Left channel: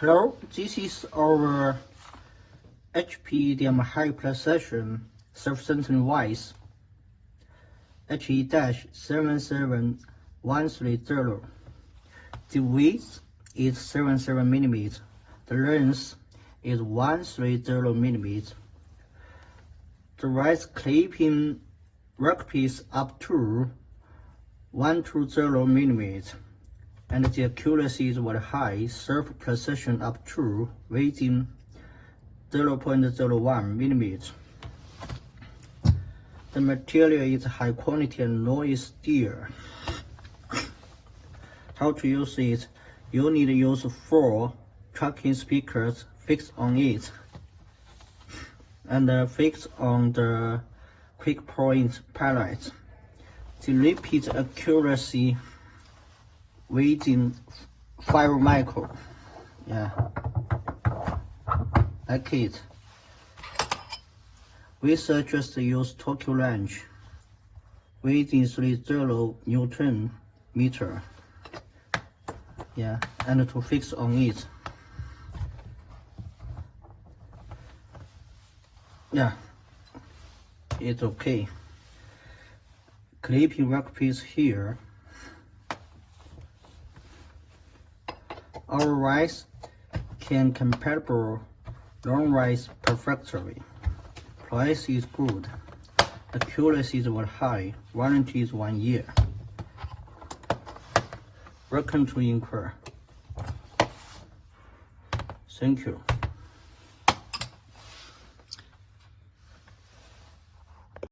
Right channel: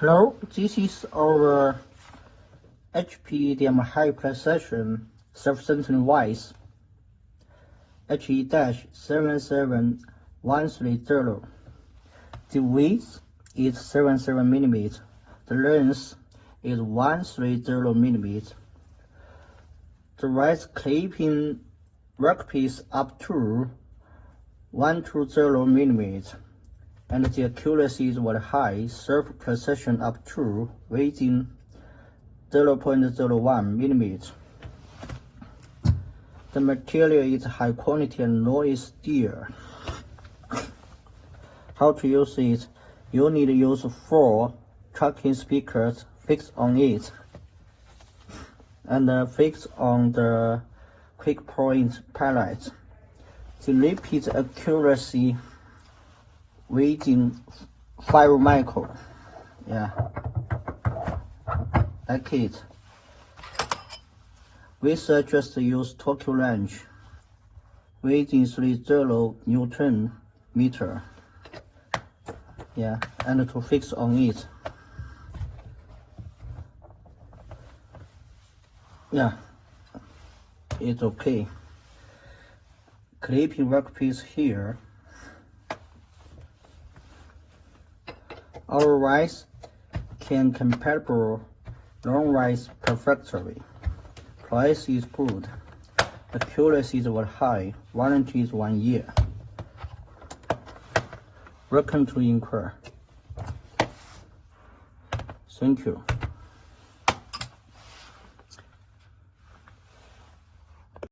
Hello, this is our HPDM high precision self-centering Vise HE-77130. The width is 77mm. The length is 130mm. The right clipping workpiece up to 120mm. And the accuracy is very high, surf precision up to within 0.01mm. The material is high quality and noise steel. How to use it? You need to use 4 tracking speakers fixed on it, and fixed on the quick point pallet. The repeat accuracy within 5 micro. Yeah, like it. We suggest use Tokyo wrench within 30 Newton meter. Yeah, and to fix on it. Yeah, it's okay. Clipping workpiece here. Our Vise can compatible long Vise perfectly. Price is good. Accuracy is very high. Warranty is 1 year. Welcome to inquire. Thank you.